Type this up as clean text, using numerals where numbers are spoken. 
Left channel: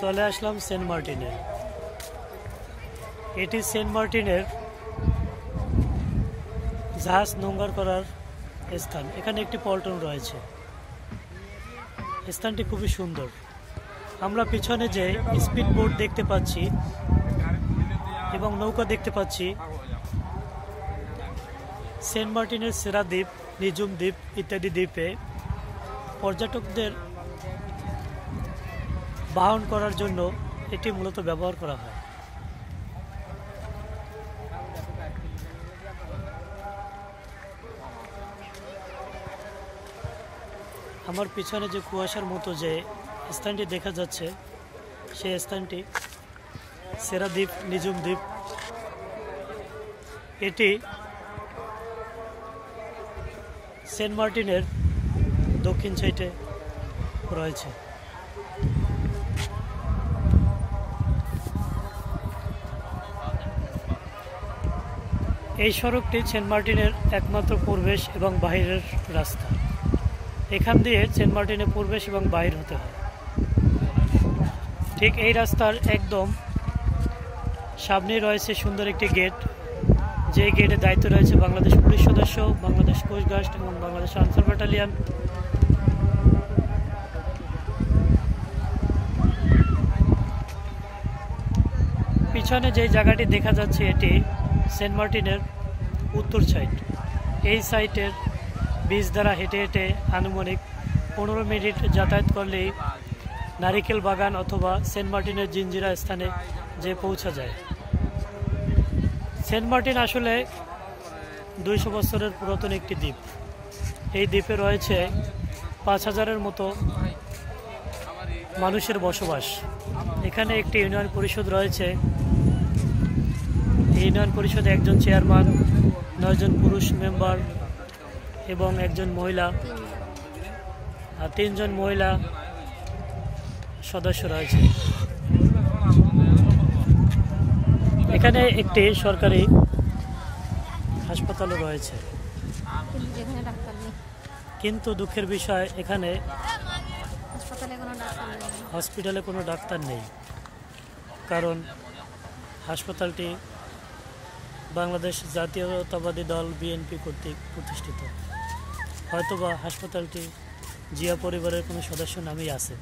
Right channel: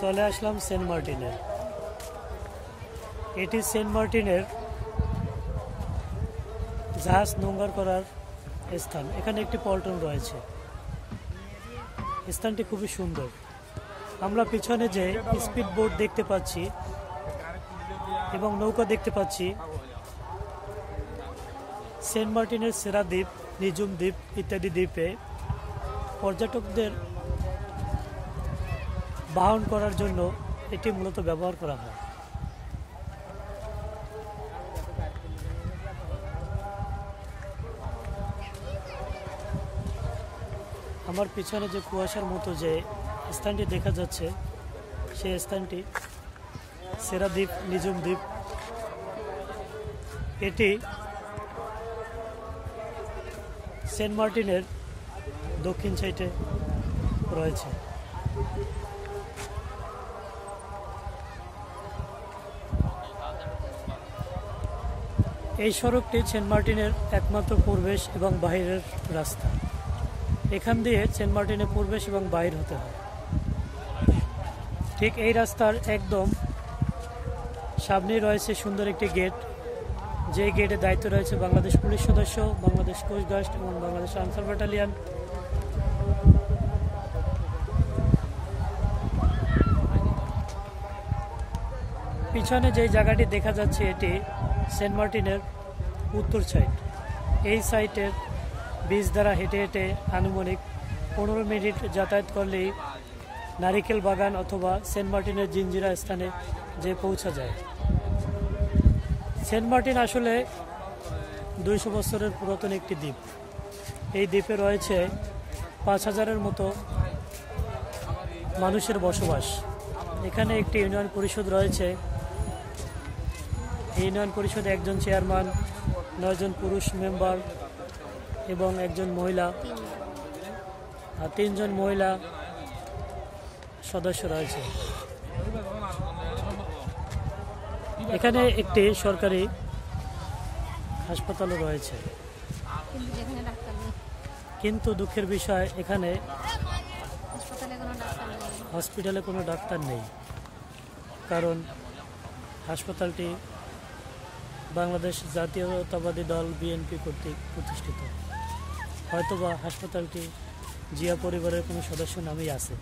চলে আসলাম সেন্ট মার্টিনে। এটি সেন্ট মার্টিনের জাহাজ নোঙ্গর করার স্থান। এখানে একটি পল্টন রয়েছে। স্থানটি খুবই সুন্দর। আমরা পিছনে যে স্পিড বোট দেখতে পাচ্ছি এবং নৌকা দেখতে পাচ্ছি, সেন্ট মার্টিনের সেরা দ্বীপ, নিজুম দ্বীপ ইত্যাদি দ্বীপে পর্যটকদের বাহন করার জন্য এটি মূলত ব্যবহার করা হয়। আমার পিছনে যে কুয়াশার মতো যে স্থানটি দেখা যাচ্ছে, সেই স্থানটি সেরা দ্বীপ, নিজুম দ্বীপ। এটি সেন্ট মার্টিনের দক্ষিণ সাইডে রয়েছে। এই সড়কটি সেন্ট মার্টিনের একমাত্র প্রবেশ এবং বাহিরের রাস্তা। এখান দিয়ে সেন্ট মার্টিনে প্রবেশ এবং বাহির হতে হয়। ঠিক এই রাস্তার একদম সামনেই রয়েছে সুন্দর একটি গেট, যে গেটের দায়িত্ব রয়েছে বাংলাদেশ পুলিশ সদস্য, বাংলাদেশ কোস্টগার্ড এবং বাংলাদেশ আনসার ব্যাটালিয়ন। পিছনে যে জায়গাটি দেখা যাচ্ছে, এটি সেন্ট মার্টিনের উত্তর সাইড। এই সাইটের বীজ দ্বারা হেঁটে হেঁটে আনুমানিক 15 মিনিট যাতায়াত করলেই নারিকেল বাগান অথবা সেন্ট মার্টিনের জিঞ্জিরা স্থানে যে পৌঁছা যায়। সেন্ট মার্টিন আসলে 200 বছরের পুরাতন একটি দ্বীপ। এই দ্বীপে রয়েছে 5000-এর মতো মানুষের বসবাস। এখানে একটি ইউনিয়ন পরিষদ রয়েছে। এই ইউনিয়ন পরিষদে একজন চেয়ারম্যান, 9 জন পুরুষ মেম্বার এবং একজন মহিলা আর 3 জন মহিলা সদস্য রয়েছে। এখানে একটি সরকারি হাসপাতালও রয়েছে, কিন্তু দুঃখের বিষয় এখানে হসপিটালে কোনো ডাক্তার নেই, কারণ হাসপাতালটি বাংলাদেশ জাতীয়তাবাদী দল বিএনপি কর্তৃক প্রতিষ্ঠিত। হয়তোবা হাসপাতালটি জিয়া পরিবারের কোনো সদস্য নামেই আছে।